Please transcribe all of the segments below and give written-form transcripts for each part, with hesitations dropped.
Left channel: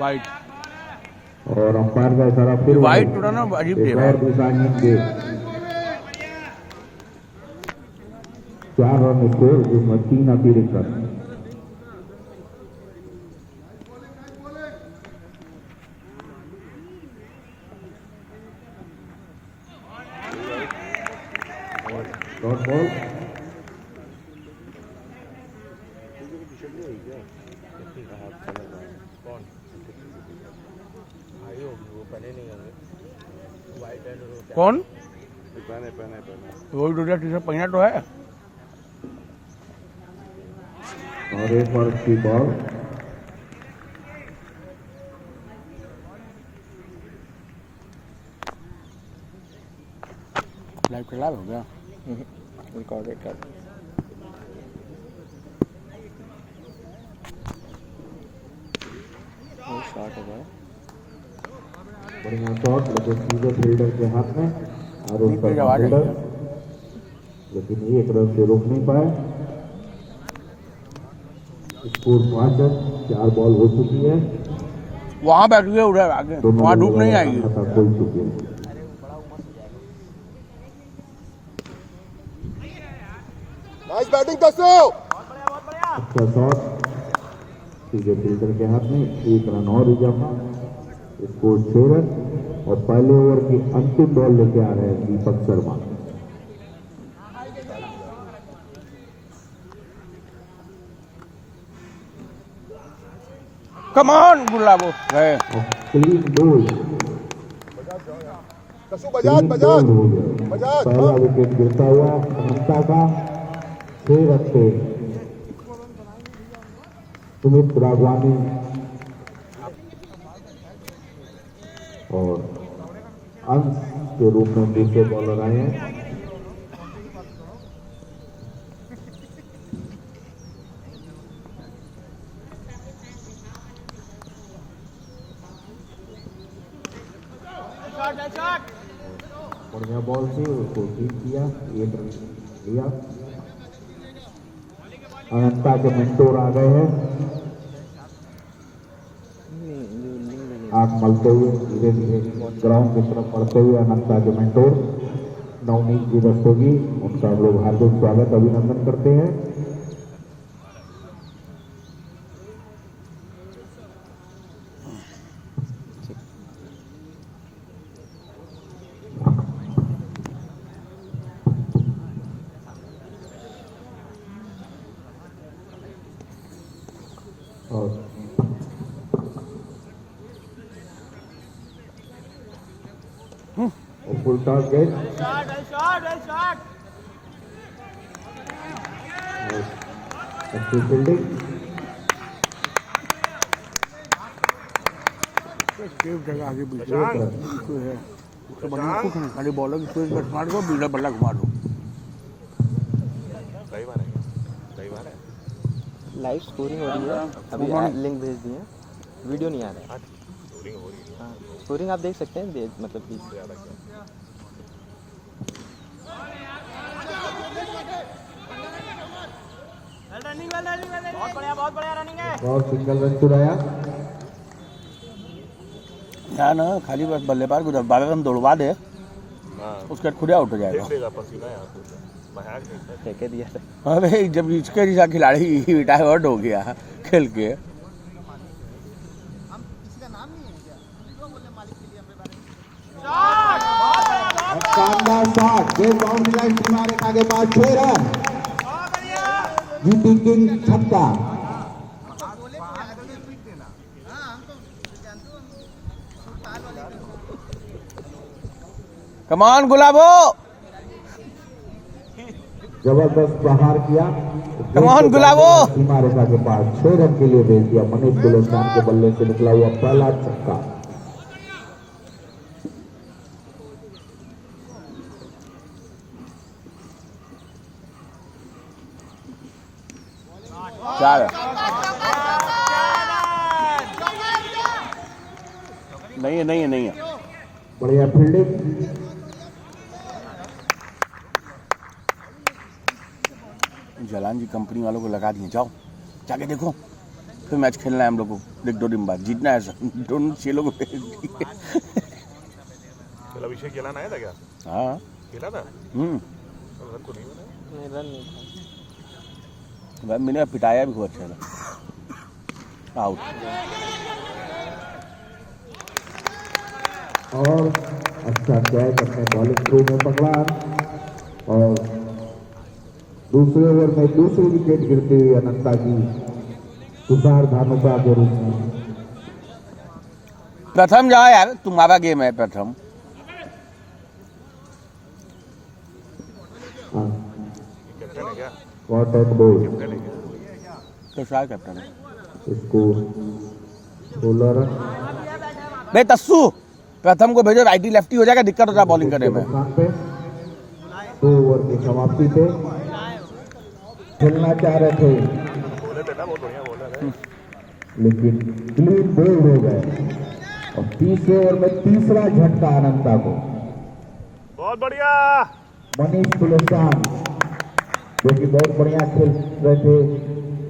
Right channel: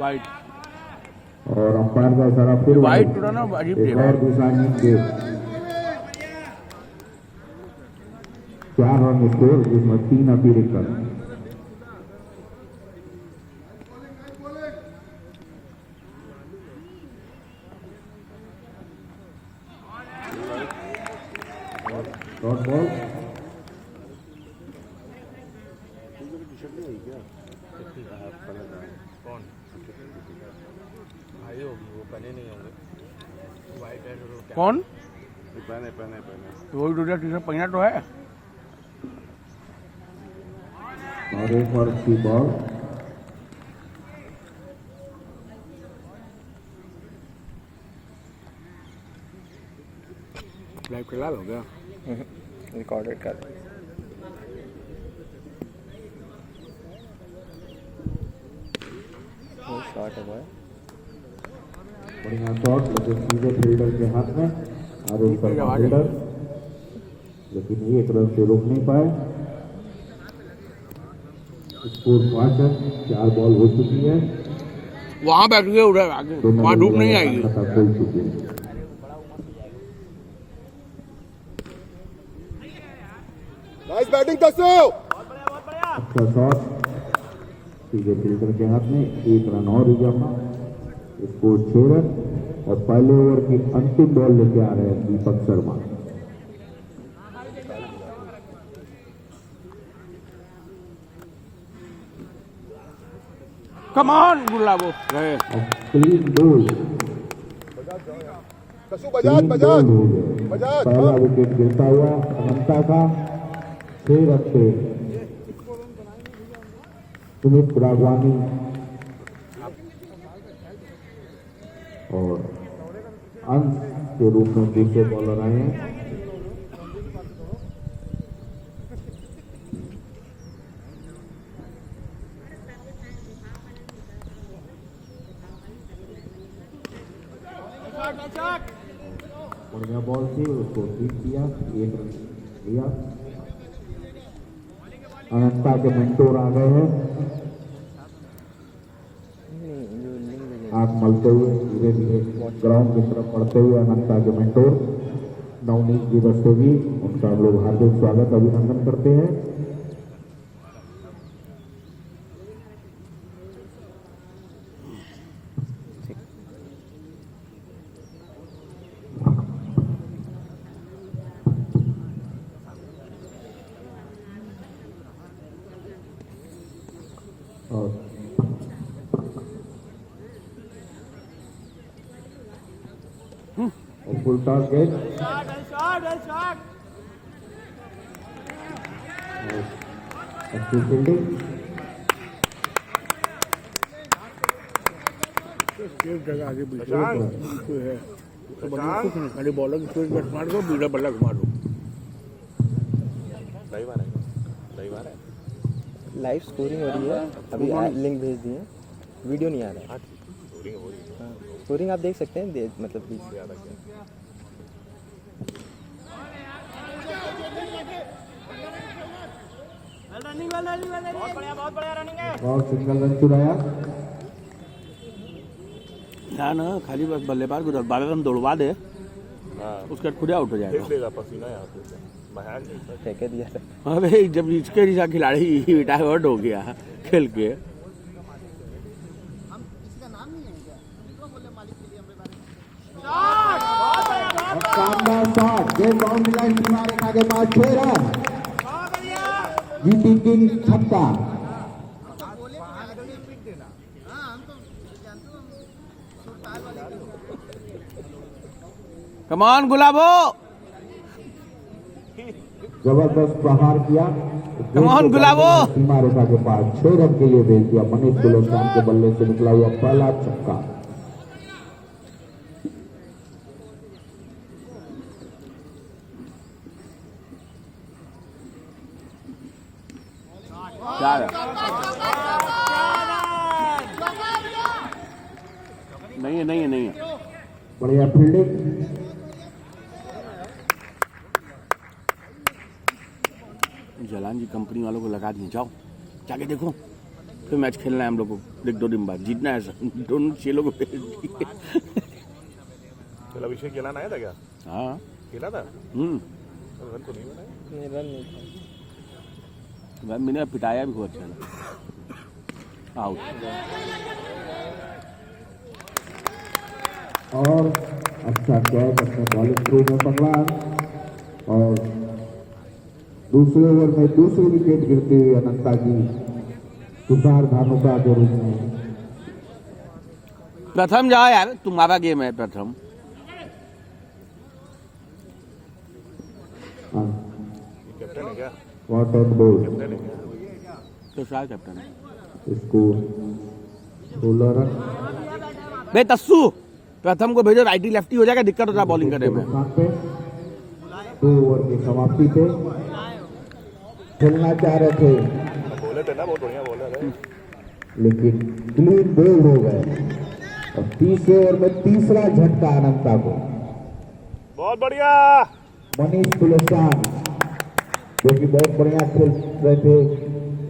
White और umpire का इशारा फिर वाइट थोड़ा ना अजीब दे रहा है। दूसरा दे 4 रन स्कोर जिसमें 3 अतिरिक्त रन। कौन पहने वही दूसरा टी-शर्ट पहना तो है। और एक और की बॉल लाइव चला हो गया रिकॉर्डेड कर वो शॉट है बॉय बढ़िया शॉट लेकिन सीधे फील्डर के हाथ में और उसका फील्डर लेकिन एक रन से रोक नहीं पाए। स्कोर 5 रन 4 बॉल हो चुकी है। वहाँ बैठ गए उधर आगे वहाँ धूप नहीं आएगी। खोल चुकी है। नाइस बैटिंग दसो। अच्छा शॉट सीधे फील्डर के हाथ में 1 रन और उजामा। स्कोर 6 रन और पहले ओवर की अंतिम बॉल लेके आ रहे हैं दीपक शर्मा। कम ऑन गुलाबो गए क्लीन बोल बजाज पहला विकेट गिरता हुआ अनंता का 6 रन पे सुमित राघवानी और अंश के रूप में दूसरे बॉलर आए हैं। बढ़िया बॉल से उसको बीट किया 1 रन लिया। अनंता के मेंटोर आ गए हैं। आंख मलते हुए धीरे धीरे ग्राउंड की तरफ बढ़ते हुए अनंता के मेंटोर नवनीत जी रस्तोगी उनका हम लोग हार्दिक स्वागत अभिनंदन करते हैं। और फुल टारगेट अच्छी फील्डिंग एक जगह आगे बिल्कुल है उसके बल्ला कुछ नहीं खाली बॉलर की स्विंग मार दो बिल्डर बल्ला घुमा दो। लाइव स्कोरिंग हो रही है अभी लिंक भेज दिए वीडियो नहीं आ रहा है। हाँ स्कोरिंग आप देख सकते हैं मतलब प्लीज और सिंगल रन चुराया ना ना खाली बस बल्लेबाज को 12 रन दौड़वा दे उसके बाद खुद आउट हो जाएगा। फेंके दिया अरे जब इसके जैसा खिलाड़ी रिटायर्ड हो गया खेल के शानदार शॉट जो बाउंड्री लाइन किनारे आगे पास 6 रन जीटी किंग छक्का। कमान गुलाबो जबरदस्त प्रहार किया कमान गुलाबो सीमा रेखा के पास 6 रन के लिए भेज दिया। मनीष गुलेस्तान के बल्ले से निकला हुआ पहला छक्का। नहीं है बढ़िया फील्डिंग जलान जी कंपनी वालों को लगा दिए जाओ जाके देखो फिर मैच खेलना है हम लोग को, एक 2 दिन बाद जीतना है दोनों 6 लोगों को। कल अभिषेक खिलाना आया था क्या? हाँ खेला था? हम्म, रन तो नहीं बना। नहीं रन नहीं था। मैंने पिटाया भी खूब अच्छा ना, आउट। और अच्छा कैच अपने बॉलिंग थ्रू में पकड़ा और दूसरे ओवर में दूसरी विकेट गिरती हुई अनंता की तुषार धानुका के रूप में। प्रथम जाओ यार, तुम्हारा गेम है प्रथम। कैप्टन है क्या? वॉट एंड बोल कैप्टन है क्या? तो शायद कैप्टन है इसको 16 रन भाई। तस्सू प्रथम को भेजो, राइटी लेफ्टी हो जाएगा, दिक्कत होता है बॉलिंग करने में। 2 ओवर की समाप्ति पे खेलना चाह रहे थे बोले थे ना, बहुत बढ़िया बॉलर है। लेकिन क्लीन बोल्ड हो गए और 30 ओवर में तीसरा झटका अनंता को। बहुत बढ़िया। मनीष तुलसियान जो कि बहुत बढ़िया खेल रहे थे,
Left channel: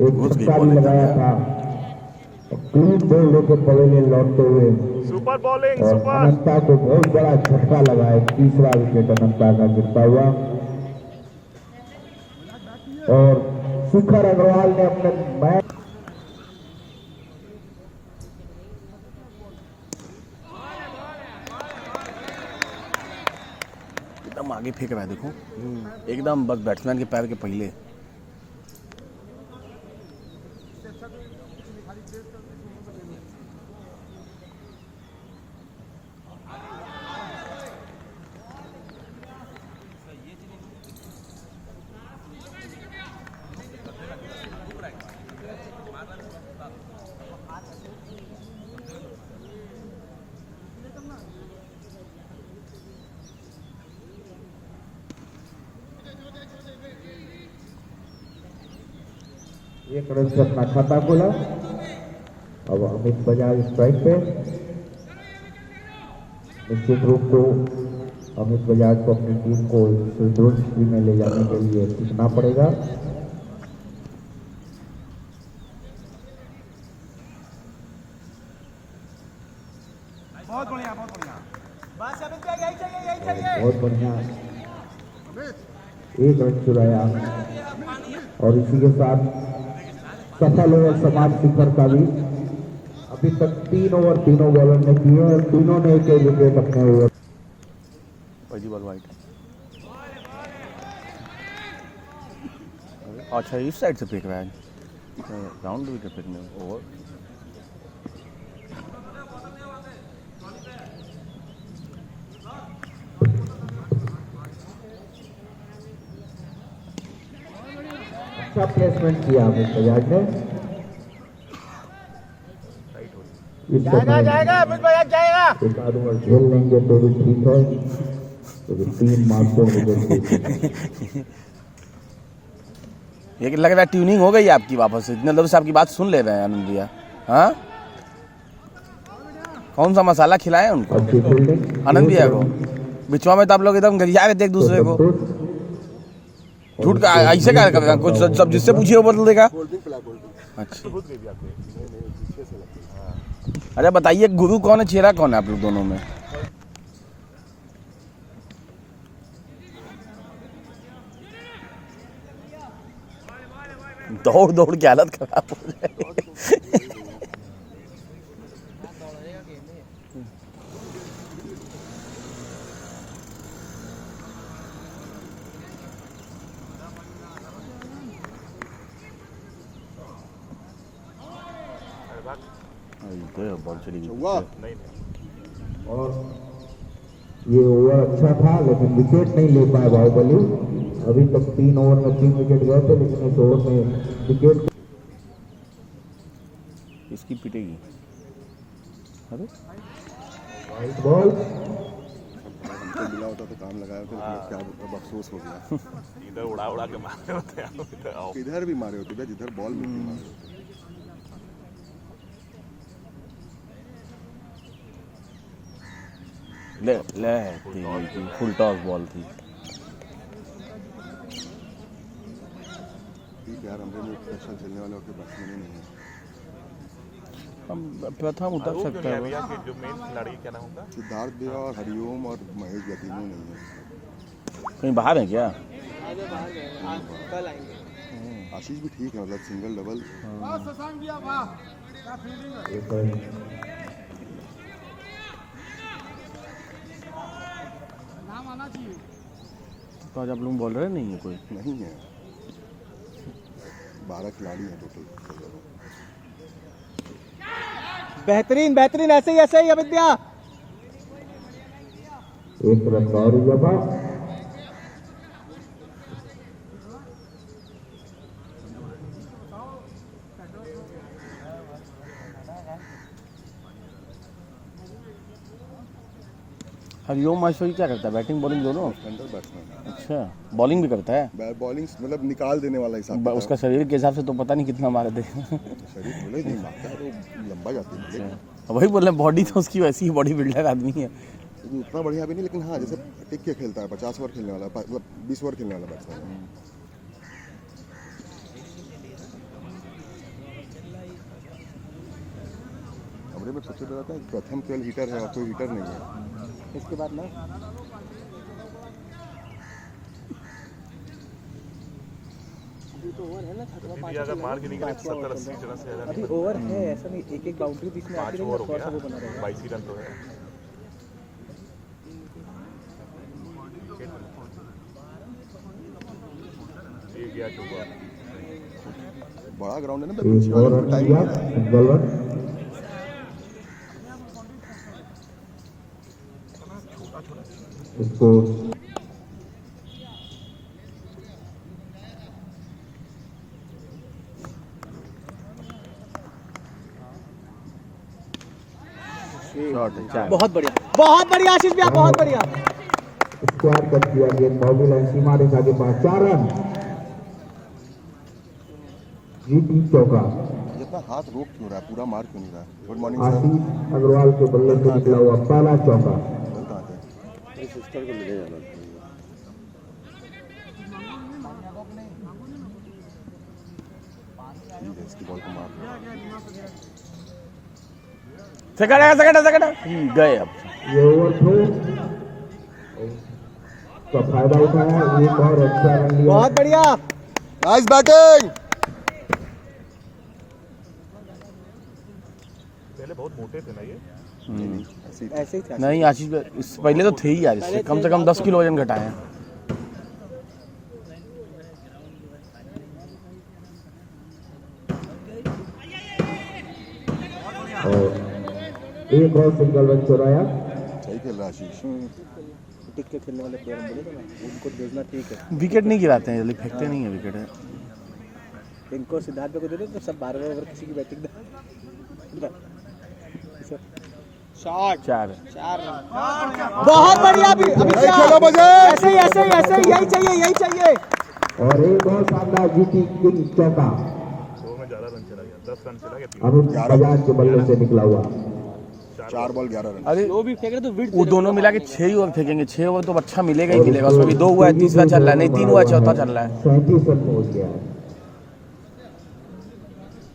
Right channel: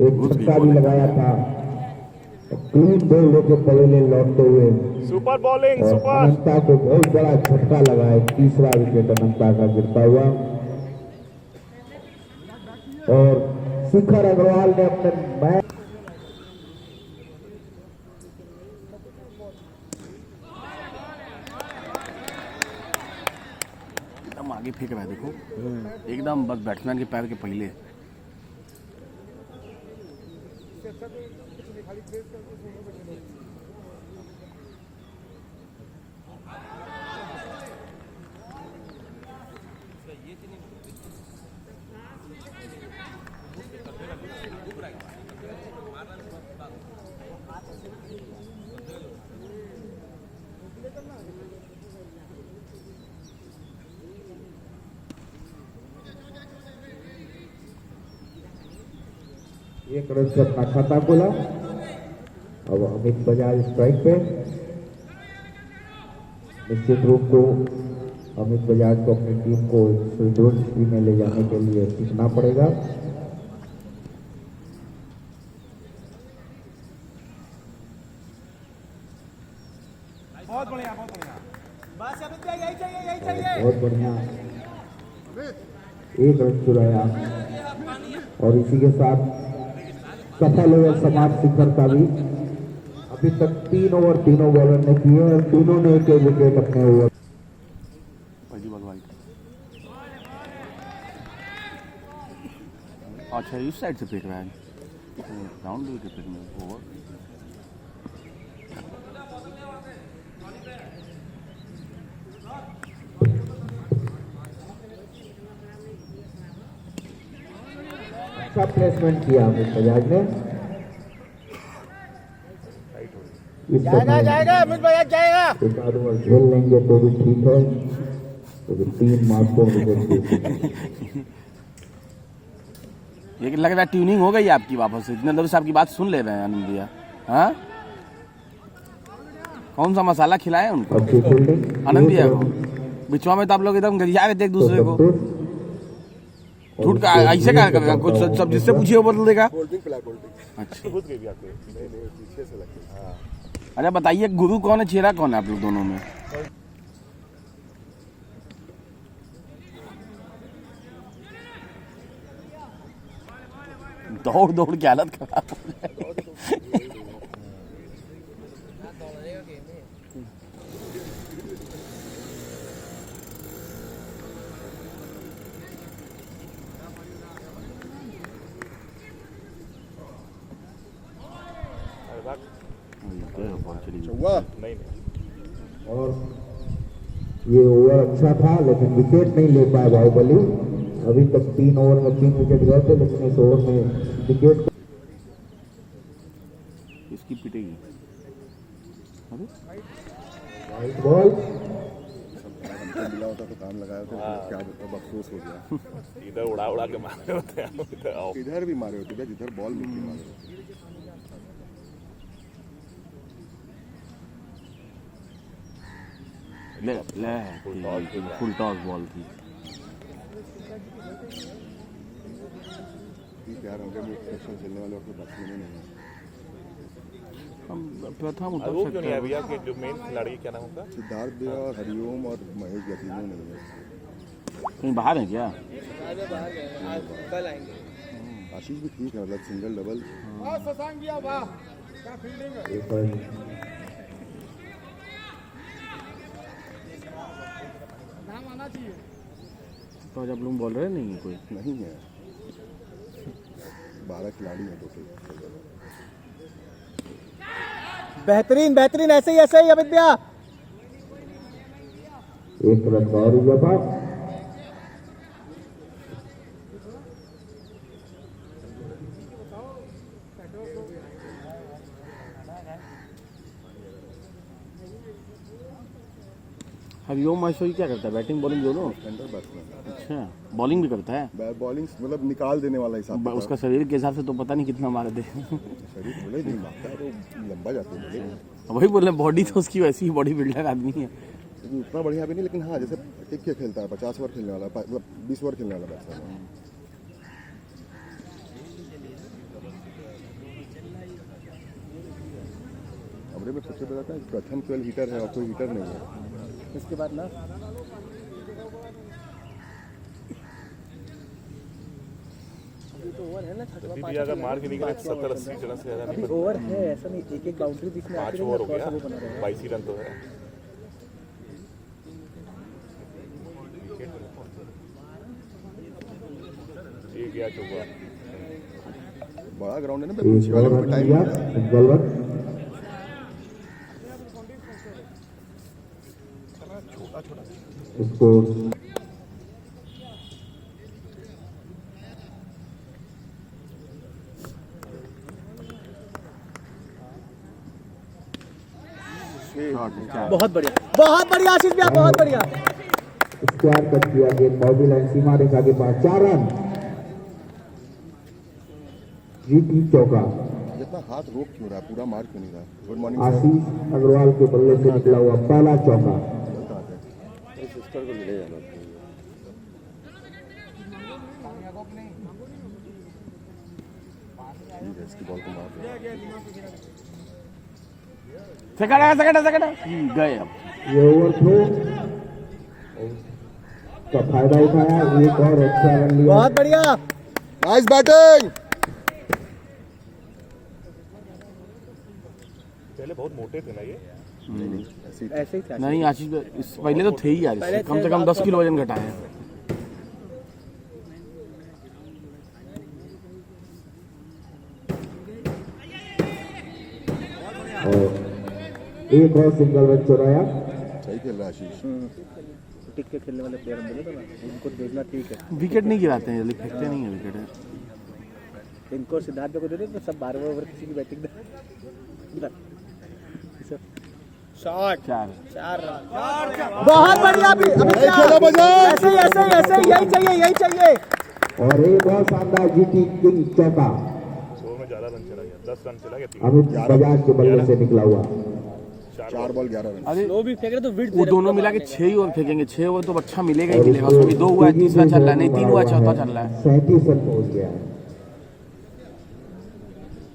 एक झटका भी लगाया था और क्लीन बोल्ड होकर पवेलियन लौटते हुए सुपर बॉलिंग, और सुपर। अनंता को बहुत बड़ा झटका लगा है। तीसरा विकेट अनंता का गिरता हुआ और शिखर अग्रवाल ने अपने मैच एकदम आगे फेंक रहा है, देखो एकदम बस बैट्समैन के पैर के पहले। एक रन से अपना खाता खोला। अब अमित बजाज स्ट्राइक पे। निश्चित रूप को अमित बजाज को अपनी टीम को स्थिति में ले जाने के लिए सीखना पड़ेगा। बहुत बढ़िया, बहुत बढ़िया। बहुत बढ़िया एक रन चुराया और इसी के साथ सफल ओवर समाज शिखर का भी। अभी तक 3 ओवर तीनों बॉलर ने किए और तीनों ने एक विकेट अपने ओवर। पहली बॉल वाइट। अच्छा इस साइड से फेंक रहा है, राउंड भी फेंकने ओवर। अच्छा प्लेसमेंट किया अमित बजाज ने। इस समय जाएगा अमित बजाज जाएगा। एक आध ओवर खेल लेंगे तो भी ठीक है, लेकिन 3 मार्चों विकेट। ये लग रहा है ट्यूनिंग हो गई आपकी वापस से, इतने देर से आपकी बात सुन ले रहे हैं आनंद भैया। हाँ कौन सा मसाला खिलाए उनको अच्छी फील्डिंग आनंद भैया को? बिचवा में तो आप लोग एकदम गरिया गए थे एक दूसरे को। झूठ का ऐसे क्या करेगा, कुछ सब जिससे पूछिए वो बदल देगा। गोल्डिंग पिला, गोल्डिंग। अच्छा खुद गई आपको। नहीं नहीं, पीछे से लगती है। हाँ। अरे बताइए गुरु कौन है, चेहरा कौन है आप लोग दोनों में? दौड़ दौड़ के हालत खराब हो जाएगी। बॉल चली गई। नहीं नहीं, और ये ओवर अच्छा था लेकिन विकेट नहीं ले पाए बाहुबली। अभी तक 3 ओवर में 3 विकेट गए थे, लेकिन इस ओवर में विकेट। इसकी पिटेगी। अरे वाइट बॉल मिला होता तो काम लगाया होता तो क्या मतलब अफसोस हो गया। इधर उड़ा उड़ा के मारे होते हैं। इधर आओ। इधर भी मारे होते भैया, जिधर बॉल मिलती मारे होते। ले ले फुल टॉस बॉल थी। 30 यार हमरे में स्पेशल खेलने वाले और बैट्समैन ही नहीं है। हम प्रथम उतर आरोप क्यों सकते नहीं है हैं। भैया कि जो मेन खिलाड़ी क्या नाम उनका सिद्धार्थ भैया और हरिओम और महेश भैया तीनों नहीं है। कहीं बाहर है क्या? कल आएंगे। आशीष भी ठीक है, मतलब सिंगल डबल तो आज आप लोग बोल रहे नहीं है कोई? नहीं है। 12 खिलाड़ी हैं टोटल। बेहतरीन बेहतरीन, ऐसे ही अमित भैया। एक रन और हुआ बात। हरिओम माहेश्वरी क्या करता है? बैटिंग बॉलिंग दोनों? स्टैंडर बैट्समैन अच्छा, बॉलिंग भी करता है? बॉलिंग मतलब निकाल देने वाला हिसाब उसका शरीर के हिसाब से तो पता नहीं कितना मारे थे। शरीर बोले नहीं मारता है तो लंबा जाती है बोले, वही बोले, बॉडी तो उसकी वैसी ही बॉडी बिल्डर आदमी है। लेकिन उतना बढ़िया भी नहीं। लेकिन हाँ, जैसे टिक के खेलता है, 50 ओवर खेलने वाला, मतलब 20 ओवर खेलने वाला बैट्समैन है। अबरे में सबसे बड़ा था प्रथम केवल हीटर है और कोई हीटर नहीं है। इसके बाद ना जल्दी भी अगर मार के निकले 70-80 रन से ज्यादा अभी ओवर है, ऐसा नहीं एक एक बाउंड्री बीच में आती 5 रहेगी ओवर और हो थोड़ा सा वो गया, बना रहेगा। 22 रन तो है। ये गया चौका। बड़ा ग्राउंड है ना, एक पीछे वाले और को रन टाइम दिया मिलता है। Single run. स्कोर बहुत बढ़िया आशीष भैया, बहुत बढ़िया। स्क्वायर कट किया गेंद बाउंड्री लाइन सीमा रेखा के पास। 4 रन। जीटी चौका। ये इतना हाथ रोक क्यों रहा है, पूरा मार क्यों नहीं रहा? Good morning sir. Ashish Agarwal के बल्ले से निकला हुआ पहला चौका। बल कहाँ थे? ठीक है, इसकी बॉल को मार रहे हैं। सेकंड गए अब। ये ओवर थ्रो का फायदा उठाया, एक और अच्छा रन लिया। बहुत बढ़िया। Nice batting. पहले बहुत मोटे थे ना ये। ऐसे ही था। नहीं आशीष पहले तो थे ही यार, इससे कम से कम 10 किलो वजन घटाए हैं। और एक और सिंगल रन चुराया। सही खेल रहा है आशीष। टिक के खेलने वाले प्लेयर हम बोले थे ना, उनको देखना ठीक है। विकेट नहीं गिराते हैं जल्दी, फेंकते नहीं है विकेट। इनको सिद्धार्थ को दे दे तो सब 12 ओवर किसी की बैटिंग शॉट 4 रन। बहुत बढ़िया। अभी खेलो बजाज। ऐसे ही यही चाहिए। और एक और शानदार जीटी किंग चौका। 100 में ज्यादा रन चला गया, 10 रन चला गया, 3 अमित बजाज के बल्ले से निकला हुआ। 4 बॉल 11 रन। अरे वो भी फेंक रहे तो विड वो दोनों मिला के 6 ओवर फेंकेंगे। 6 ओवर तो अच्छा मिलेगा ही मिलेगा। उसमें भी 2 हुआ है, तीसरा चल रहा है, नहीं 3 हुआ है, चौथा चल रहा है। 37 रन पहुंच गया है।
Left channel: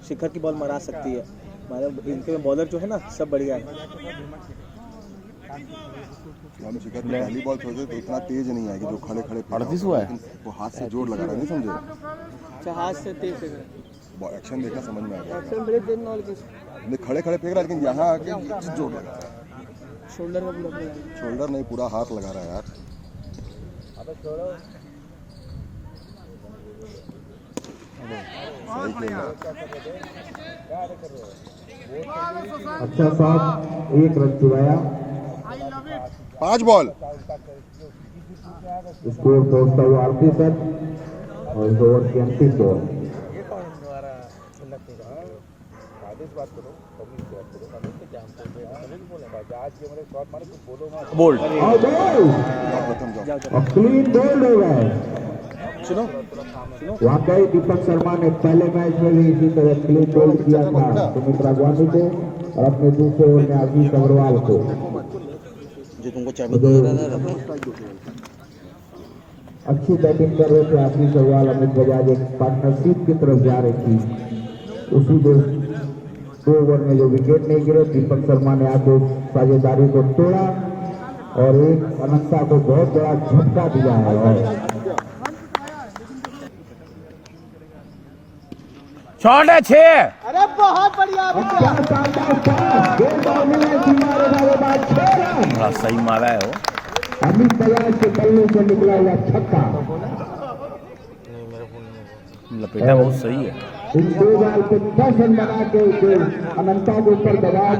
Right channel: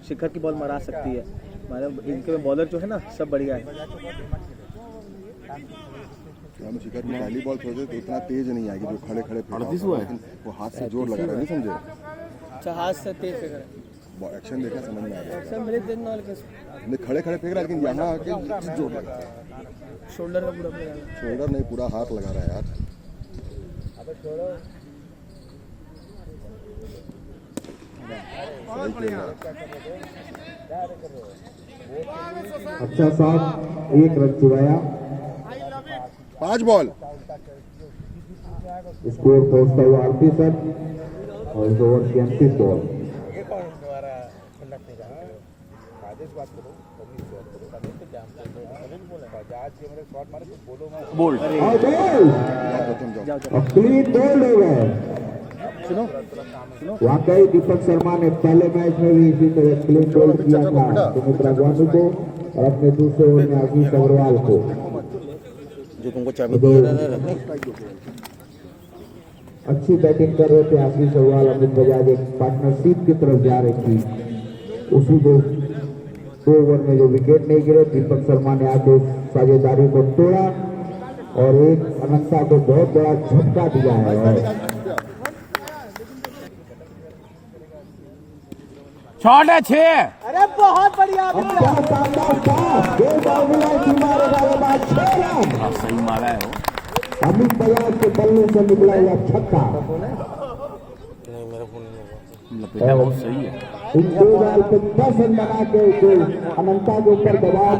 शिखर की बॉल मरा सकती है। इनके में बॉलर जो है ना सब बढ़िया है। हम शिखर की पहली बॉल थोड़े तो इतना तेज नहीं आएगी जो खड़े खड़े फेंका 38 होता हुआ है, है। लेकिन वो हाथ से जोर लगा रहा है, नहीं समझे? हाथ से तेज फेंक रहा एक्शन देखना समझ में आ जाएगा। है। ब्रेक देना नहीं, खड़े खड़े फेंक रहा है, लेकिन यहाँ आके जोर लगा रहा है। शोल्डर में पूरा पूरा। शोल्डर नहीं, पूरा हाथ लगा रहा है यार। सही खेल रहा है। अच्छा साथ 1 रन चुराया। 5 बॉल। स्कोर पहुंचता हुआ 38 रन और इस ओवर की अंतिम बॉल। बोल्ड प्रथम जाओ। क्लीन बोल्ड हो गए। सुनो वाकई दीपक शर्मा ने पहले मैच में भी इसी तरह क्लीन बोल्ड किया था सुमित्रा गांधी को और अपने दूसरे ओवर में आशीष अग्रवाल को। जो तुमको चाबी दिया था अच्छी बैटिंग कर रहे थे आशीष अग्रवाल। अमित बजाज एक पार्टनरशिप की तरफ जा रही थी, उसी को 2 ओवर में जो विकेट नहीं गिरे, दीपक शर्मा ने आके साझेदारी को तोड़ा और एक अनंता को बहुत बड़ा झटका दिया है। शॉट है 6। अरे बहुत बढ़िया बड़ा सही मारा है वो। अमित बजाज के बल्ले से निकला हुआ छक्का। लपेटा बहुत सही है। इन 2 बॉल पे 10 रन बना के जो अनंता के ऊपर दबाव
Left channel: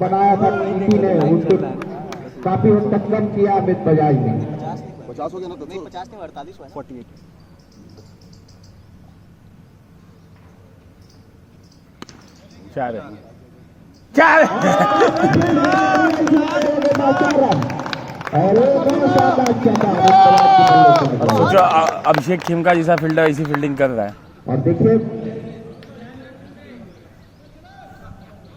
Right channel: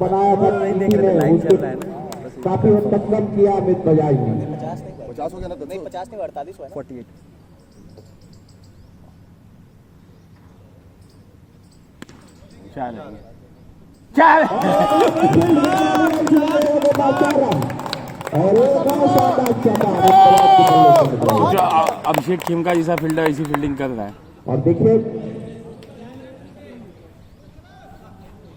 बनाया था टीम ने, उसको काफी हद तक कम किया अमित बजाज ने। 50 हो गया ना, 50 नहीं 48 हुआ 48 4 है 4 जो अभिषेक खेमका जैसा फील्डर ऐसी फील्डिंग कर रहा है। और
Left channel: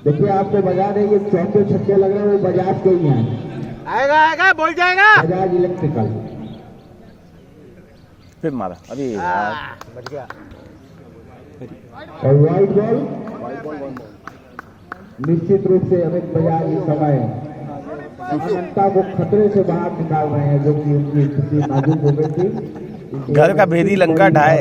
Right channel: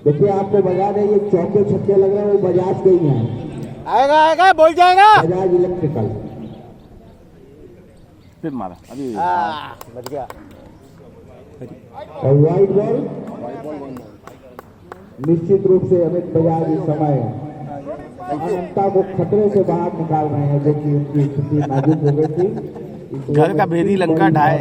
देखिए आपको बजा दें, ये चौके छक्के लग रहे हैं वो बजाज के ही हैं। आएगा बोल जाएगा। बजाज इलेक्ट्रिकल। फिर मारा अभी बच गया। और वाइड बॉल निश्चित रूप से अमित बजाज इस समय अनंता को खतरे से बाहर निकाल रहे हैं, जो कि उनकी स्थिति नाजुक हो गई थी। घर का भेदी लंका ढाए।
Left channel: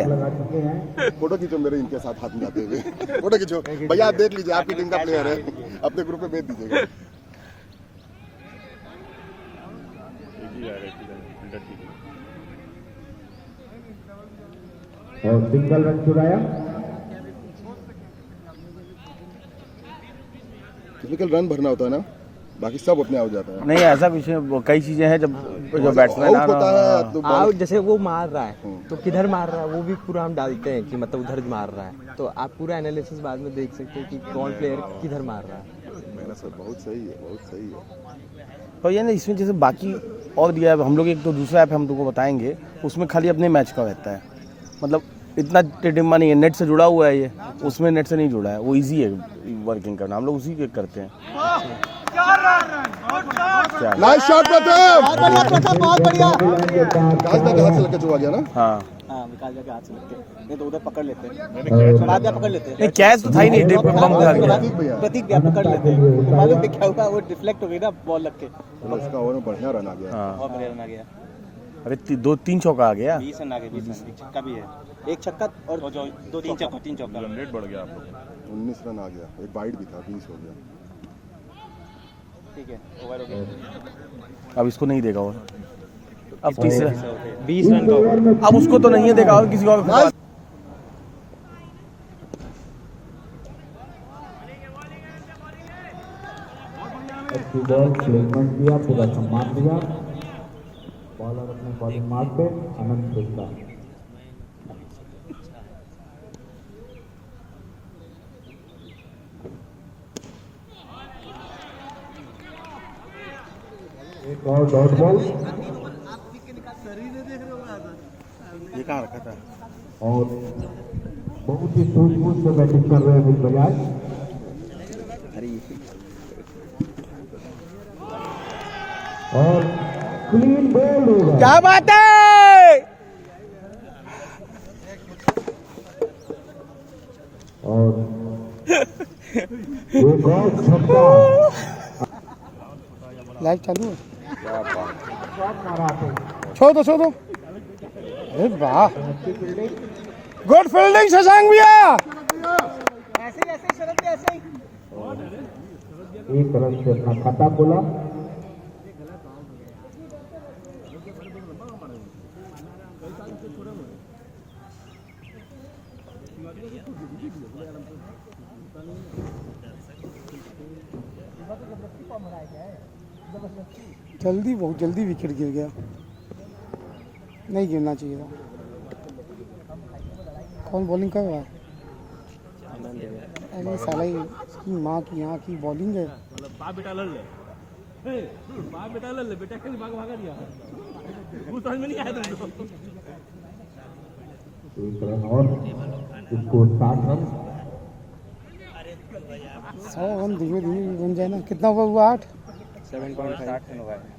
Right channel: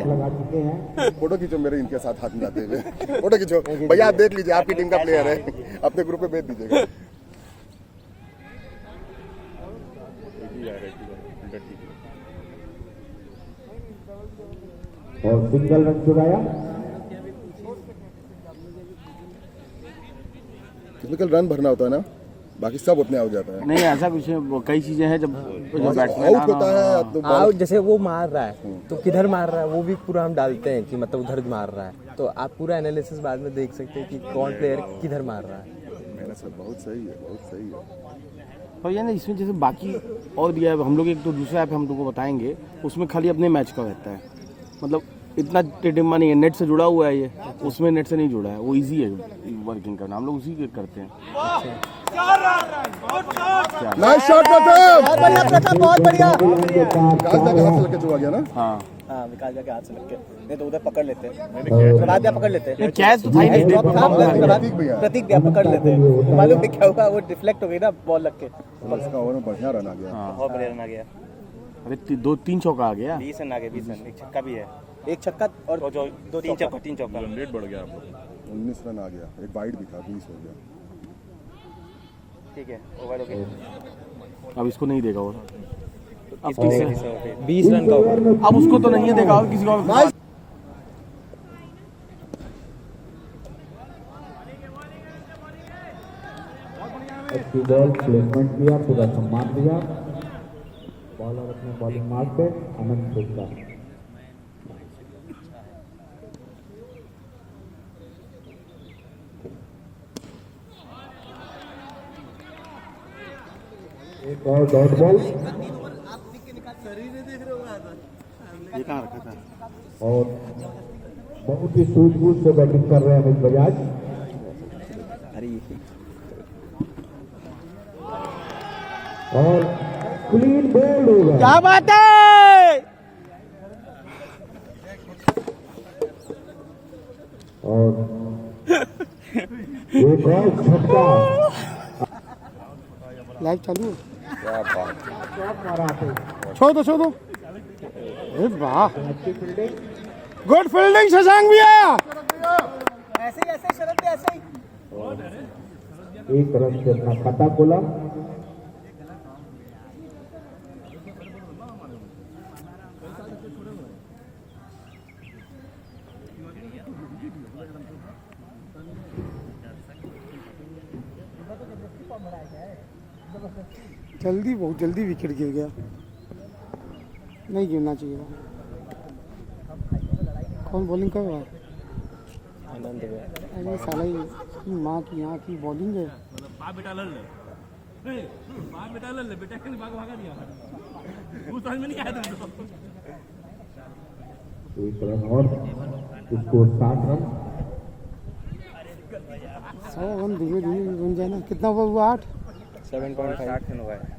फोटो खींचो मेरे इनके साथ हाथ मिलाते हुए। फोटो खींचो भैया, आप देख लीजिए, आपकी टीम का प्लेयर है, अपने ग्रुप में भेज दीजिएगा। एक ही जा रहा है, फील्डर ठीक है। और सिंगल रन चुराया। टिपिकल रन भरना होता है ना, बाकी सब अपने आ जाता है। नहीं ऐसा कुछ कई चीजें हैं जब बैट्समैन आउट होता है तो आउट जैसे वो मार रहा है तो किधर मार रहा है वो भी पूरा हम डालते हैं कि मतलब उधर मार रहा है, तो आप पूरा एनालिसिस बाद में देख सकते हैं कि कौन प्लेयर किधर मार रहा है। मेहनत सब बहुत सही है, बहुत सही है। और ये ना इसमें जैसे बाकी और दिया है, हम लोग एक तो दूसरा ऐप हम तुमको बताएंगे, उसमें खाली अपने मैच का रहता है, मतलब इतना टिडिम्बा नहीं है, नेट से जुड़ा हुआ है ये, उसमें नेट से नहीं जुड़ा है, वो इजी है वर्किंग करना, हम लोग उसी के करते हैं। नाइस शॉट प्रथम बहुत बढ़िया। विकास का हाथ से लग के चुका गया ना। हाँ विकास जाके हाथ से लग के, नहीं तो उधर पकड़ लेते मैंने बाद में पकड़ लेते नहीं कैच तो था ही नहीं, प्रतीक भैया प्रतीक भैया पकड़ लेते हैं, मालूम क्या हुआ, वो डिफ्लेक्ट हो गई ना बॉल लग के। उसका ओवर में बढ़िया रन आ गया। बहुत बढ़िया रन आ गया। अरे 2-3 चौका आ गया। 20 रन आ गए, 20 रन, एक छक्का भी है, एक छक्का और जो 2-3 चौका, 3 चौका। रन रेट बढ़ गया आप लोग का। 19 रन आ गया, एक वाइड भी था, 20 हो गया। ठीक है, ओवर हो गया। अब इसको नहीं देगा और अब तीसरा 20 रन का ओवर। अब उसको तो नहीं है देखा, और किसी को अच्छी बॉल प्लेसमेंट किया, पूरा सम्मान दिया। बॉलर अपने बॉलिंग मार्क पे अनंत गुप्ता। एक और डॉट बॉल ये कहाँ रखा था। और बहुत ही सूझबूझ से बैटिंग कर रहे हैं अमित बजाज। और क्लीन बोल्ड होगा। क्या बात है। और एक और छक्का। लाइव चालू है, क्या बात। छोड़ दो। अरे वाह, गुड फील्डिंग शशांक भैया। एक रन से अपना खाता खोला। बहुत जल्दी विकेट गिर गया, नहीं गिरना चाहिए था। कौन बॉलिंग कर रहा है? आनंद भैया। अरे साला इसकी माँ की यहाँ की बॉलिंग है। एक रन और, इसको 60 रन। 100 रन धीरे धीरे बन जाए ना। कितना हुआ? 8 7.5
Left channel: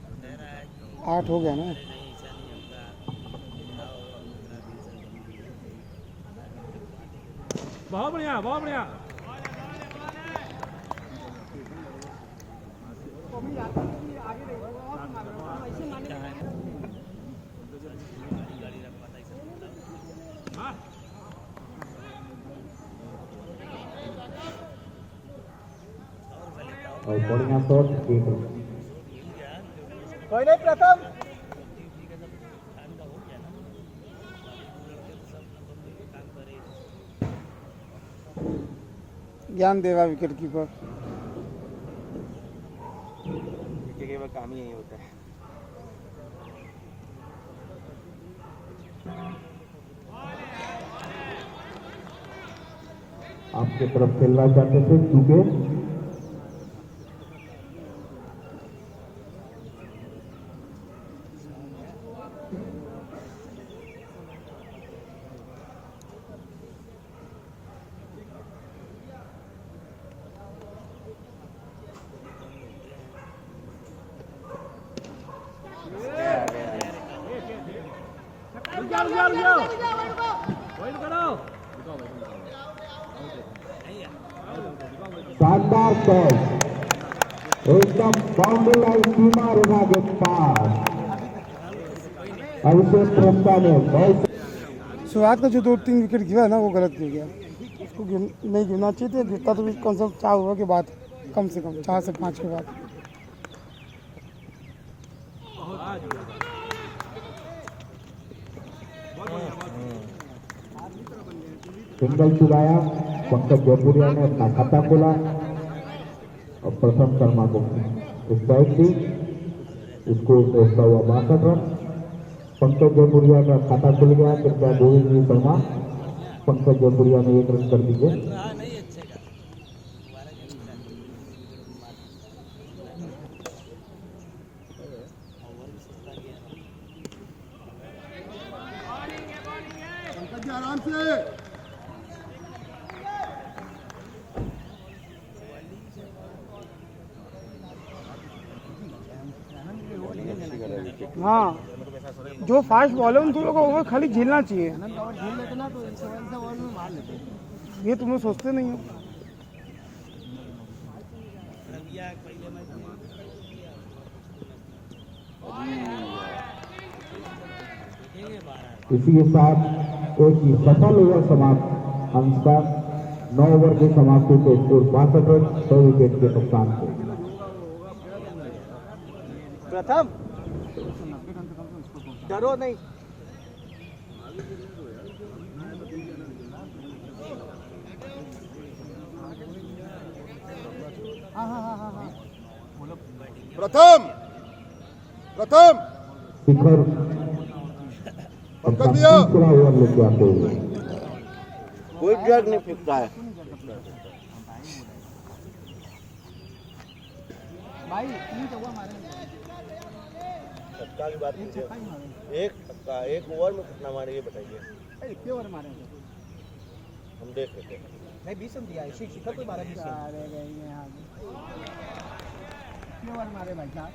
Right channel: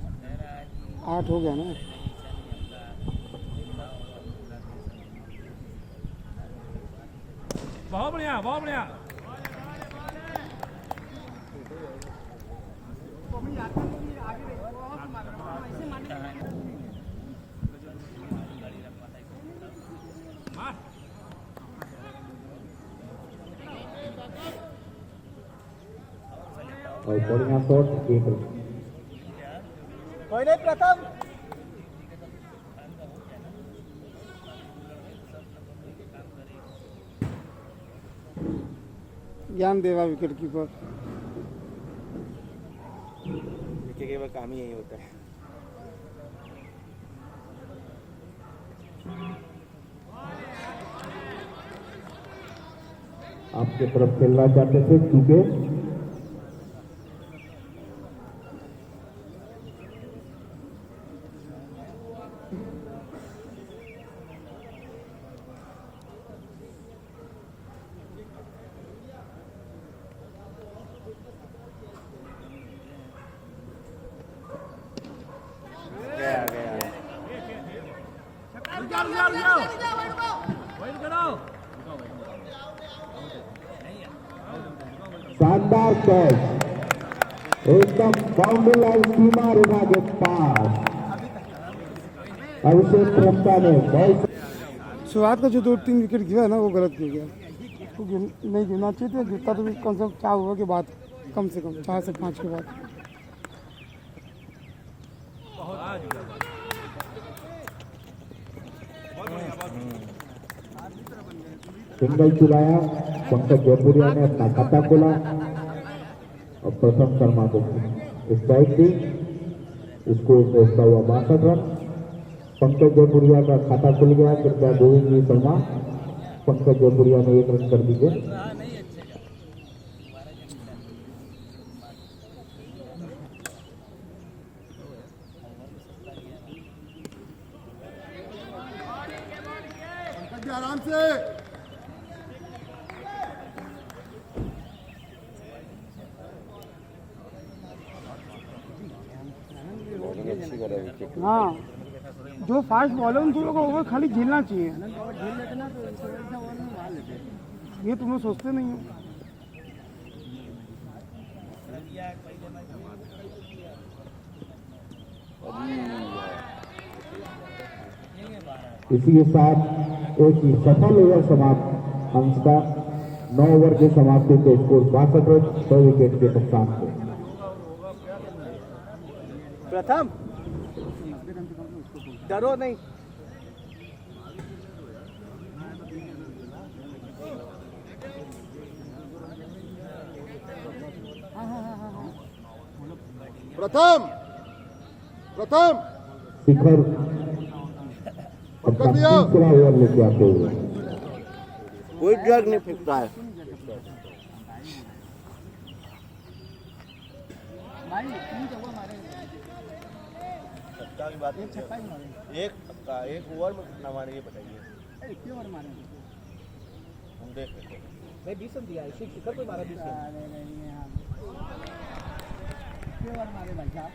8 हो गया ना। बहुत बढ़िया और बढ़िया शॉट एक रन। ज्ञान देगा विकेट कीपर। विकेट कीपर काम ही यही होता है। आपके तरफ खेलना चाहते थे क्योंकि शानदार कैच, एकदम बाउंड्री लाइन सीमा रेखा के पास। अभिषेक प्रस्ता ने बहुत शुरुआत का जो 2-3 विकेट गिरा है ना वो गलत गिर गया। उसको नहीं गिरना चाहिए था, गिरता तो भी कम से कम 4 ओवर के बाद, कम से कम 4 से 5 के बाद। सिंगल चुराया, पंकज जयपुरिया ने अपना खाता खोला और प्रथम शर्मा को स्ट्राइक दी। उसको पहुंचता हुआ 62 रन। पंकज जयपुरिया का खाता खुल गया। कृपया गोविंद शर्मा पंकज जयपुरिया ने 1 रन कर दीजिए। आराम से हाँ, जो फास्ट बॉल है उन दोनों को ओवर खाली झेलना चाहिए। ये तुम लोग सोचते नहीं हो। इसी के साथ एक ही सफल ओवर समाप्त। अंश का 9 ओवर की समाप्ति के स्कोर 62 रन 6 विकेट के नुकसान से। प्रथम डरो नहीं। प्रथम शिखर अपना तीसरा ओवर लेके आते हुए कोई ड्रैग नहीं फेंकता है। की बात एक छक्का 1 ओवर में कितना मारे ये बताइए। कितने ओवर मारे हम देख लेते हैं। नहीं 20 रन दिया। शिखर को 12 कितने ओवर मारे भाई साहब।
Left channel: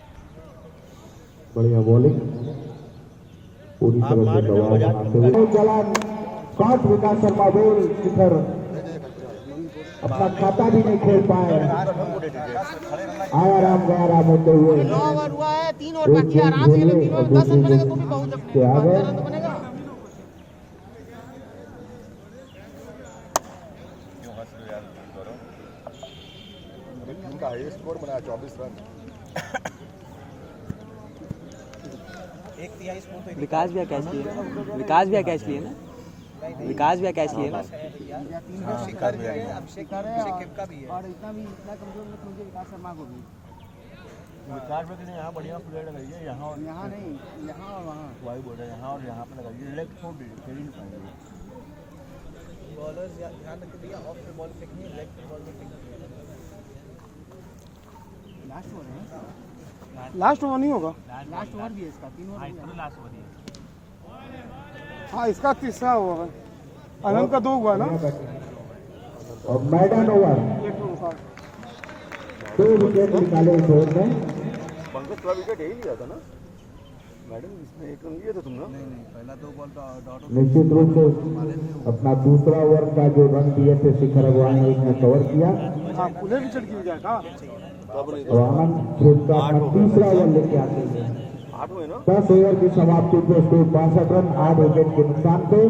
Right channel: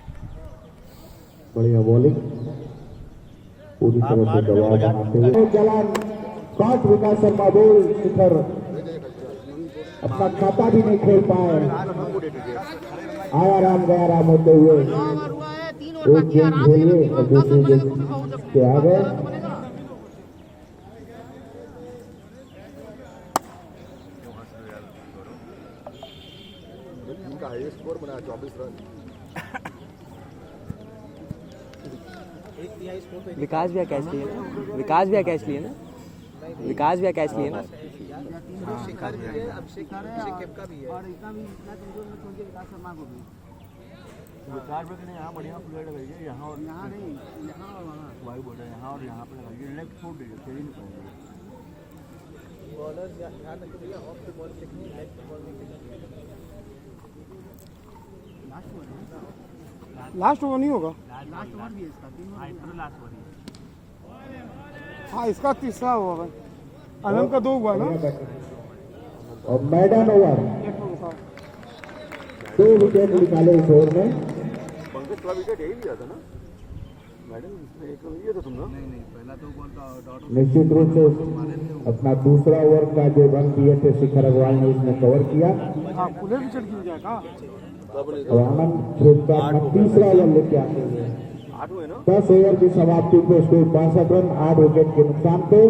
बढ़िया बॉलिंग पूरी तरह से दबाव बनाते हुए जलान 5 विकास शर्मा बोल। शिखर अपना खाता भी नहीं खोल पाए। आराम गया आराम होते हुए 3 ओवर बाकी आराम से 3 ओवर 10 रन बनेगा तो भी पहुंच सकते आ गए। इनका हाईएस्ट स्कोर बनाया 24 रन। विकास भी कैच लिए ना, विकास भी कैच लिए ना, विकास भी कैच लिए ना। शिखर है, अभिषेक का भी है और इतना भी इतना कमजोर मत समझिए विकास शर्मा को भी। विकास में यहाँ बढ़िया प्लेयर लगाइए, यहाँ और यहाँ नहीं, यहाँ और वहाँ वाई बोल रहे हैं, यहाँ और यहाँ पे लगाइए। लेफ्ट फुट फील्डिंग करेंगे बॉलर ध्यान रखिए भैया, ऑफ द बॉल फेंकनी है, लेफ्ट बॉल नहीं फेंकनी। लास्ट ओवर नहीं होगा। लास्ट ओवर भी है इसका, 3 ओवर लास्ट ओवर ही है। हाँ, इसका तीसरा ओवर है। आनंद का 2 हुआ ना। और मैदान ओवर 2 विकेट निकाले इस ओवर में। पंकज थोड़ा विकेट यही लिया था ना मैडम, इसमें 1 रन लिया था तुम ना। निश्चित रूप से अपना दूसरा ओवर का जो रन दिए थे शिखर अग्रवाल ने उसने कवर किया। हाँ, खुले विकेट गिर गया का। और आनंद खेमका अपना तीसरा ओवर लेके आते हैं 10 ओवर की समाप्ति पे उसको 62 रन 8 विकेट के नुकसान पे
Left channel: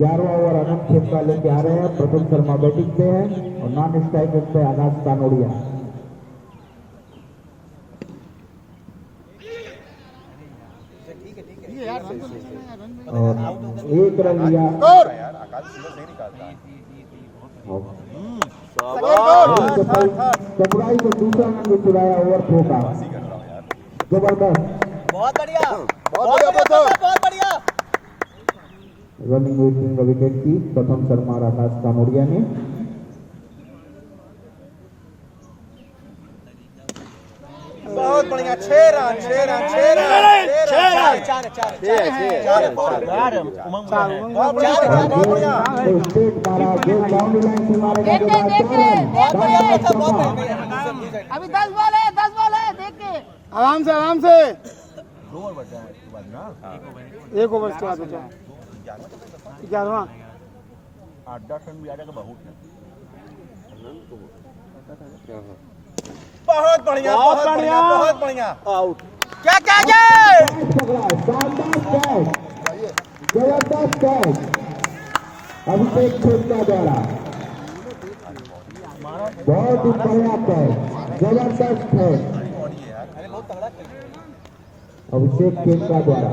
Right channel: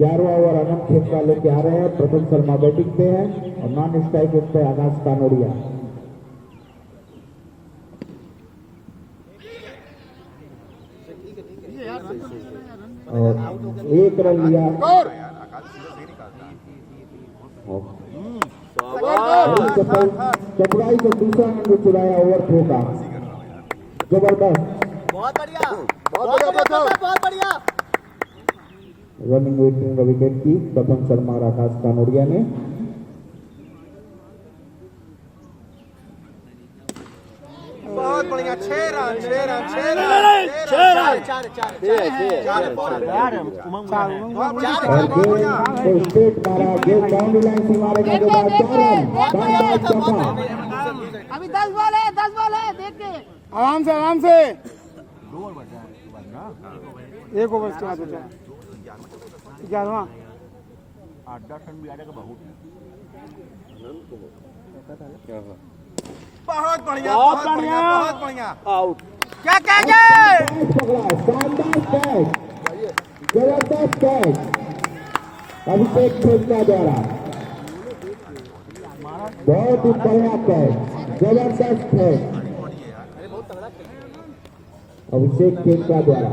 11वां ओवर आनंद खेमका लेके आ रहे हैं। प्रथम शर्मा बैटिंग पे है और नॉन स्ट्राइक पे आकाश कानोड़िया। और 1 रन लिया चपराई से दूसरा रन भी चुराया ओवर थ्रो का। जबरदस्त बहुत बढ़िया बहुत बढ़िया। रनिंग वेटिंग विकेट की प्रथम शर्मा और आकाश कानोड़िया ने। बहुत बढ़िया 6 run 6 run 6 run 6 run 4 straight मारा जो बाउंड्री लाइन से मारेगा के बाद 4 रन। अभी 10 बॉल है देख के आराम से 1 ओवर के बाद बचा 11वां। बहुत बढ़िया बहुत बढ़िया आउट। क्या शानदार कैच जबरदस्त कैच अभिषेक खेमका द्वारा। बहुत ही बढ़िया कैच जबरदस्त कैच अभिषेक खेमका द्वारा।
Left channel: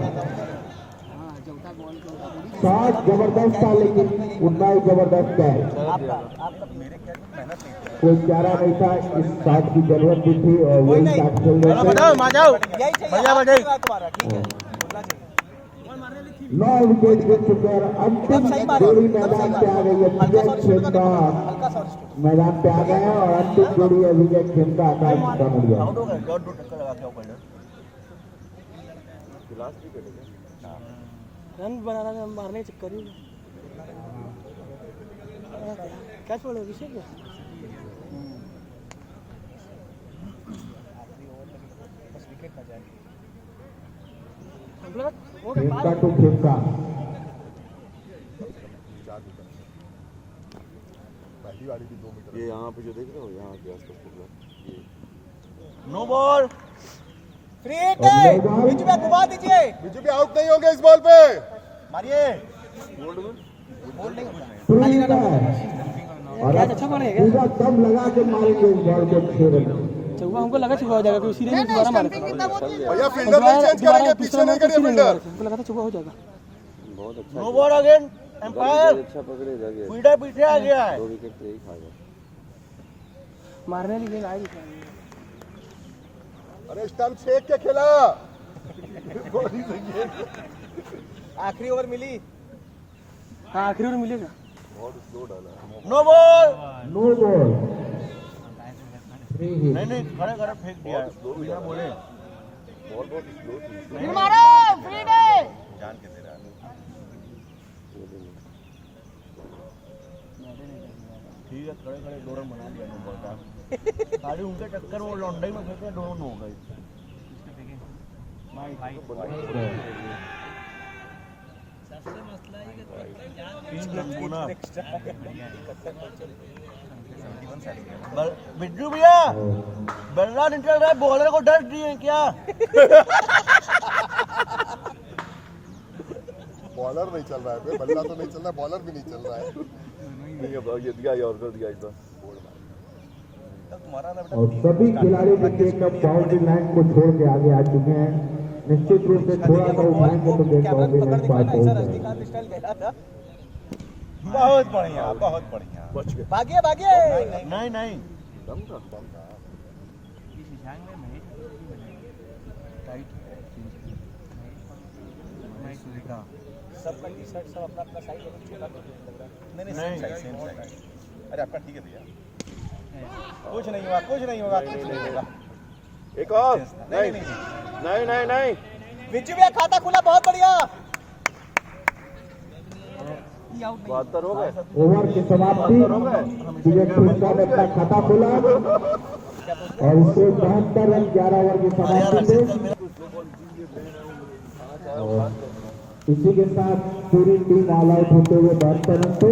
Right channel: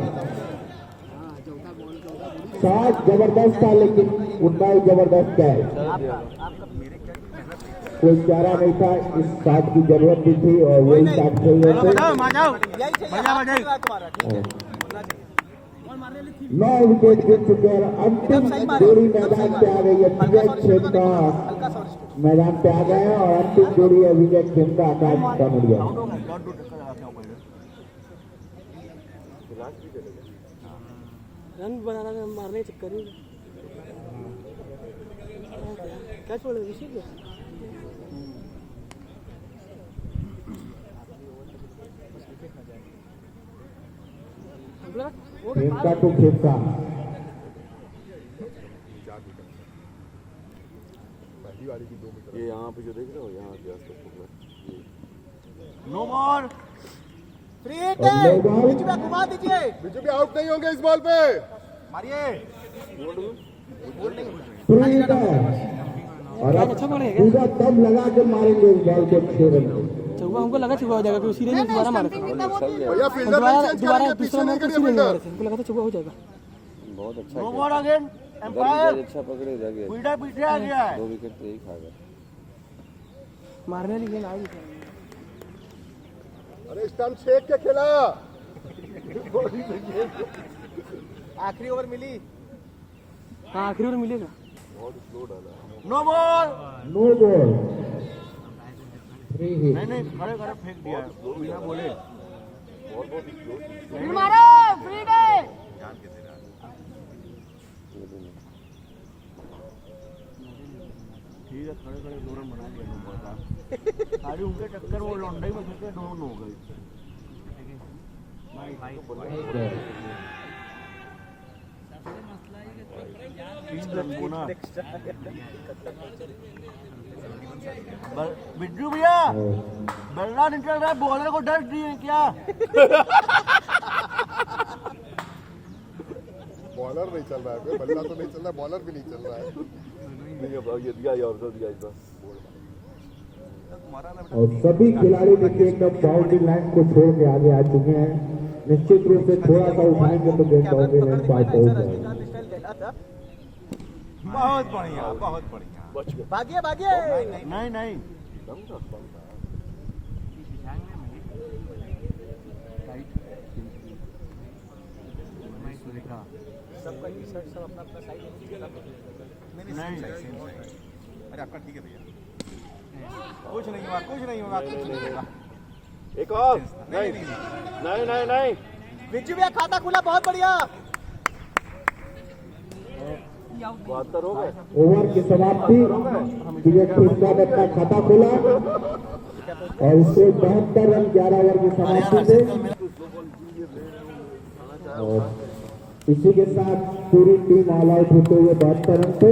शॉट जबरदस्त था लेकिन उतना ही जबरदस्त कैच। कोई चारा नहीं था, इस शॉट की जरूरत भी थी और वही शॉट खेल रहे थे। 9 विकेट गिर चुके हैं। अंतिम जोड़ी मैदान पे आ गई है। विकेट खेमका मैदान पे आ गए हैं और अंतिम जोड़ी है विकेट खेमका आकाश कानोड़िया। रन बनाना मारने के चक्कर में क्या छोड़े विकेट खेमका टू खेमका। ये यहाँ पे जो देख रहे हो यहाँ के आसपास नो बॉल फ्री हिट है बीच में घुमा दीजिए। बिजू भी आउट नहीं होंगे इस बॉल पे। मारिए फ्री हिट है और पूरा दम लगा के मारेंगे इस बॉल को 6 रन। चौका हमको लगा चुका हो जाएगा कोई सीधे नहीं दोबारा मारे भैया फील्डर नहीं चेंज करेंगे, पीछे नहीं करेंगे फील्डर। हमको लगा था चौका हो जाएगा। बहुत अच्छा नो बॉल अगेन एम्पायर अच्छा पकड़े लगे फील्डर पीछे आ गया है। 2 विकेट तो ही खा गए। मारने लिए आएगी अरे स्टंप शेक के खेला। आखिरी ओवर मिली। हाँ आखिरी ओवर मिलेगा। No ball no ball free hit. नहीं खड़े खड़े फेंक दिया बोले मारो फ्री डे ठीक है खड़े खड़े गौरव बना दिया सारी उनके टक्कर वो लौंडे में फेंके दोनों हो गए। बिट्टू भैया बल्ला निकल रहा है, बॉलर को डर दिए क्या? बॉलर नहीं चल रहा है, बल्ला तो नहीं चल रहा, बॉलर भी नहीं चल रहा है। ये दिया और कर दिया इतना। और सभी खिलाड़ी देखिए एकदम बाउंड्री लाइन को छोड़ के आगे आ चुके हैं। निश्चित रूप से थोड़ा सा उठाएंगे तो गेंद बाउंड्री लाइन पार पहुंच जाएगी। बहुत बढ़िया बहुत बढ़िया। भागिए भागिए। नहीं सबका टी शर्ट सब अपना अपना साइड नहीं। अरे आपका ठीक है भैया, कुछ नहीं होगा। एक और नहीं बिज्जू भैया खाता खुला, बहुत बढ़िया। 72 हो गए। ओवर की समाप्ति विकेट खेमका ने अपना खाता खोला और इससे 72 रन 11 ओवर की समाप्ति से। और इसी के साथ पूरी टीम ऑल आउट होते हुए 72 रन पे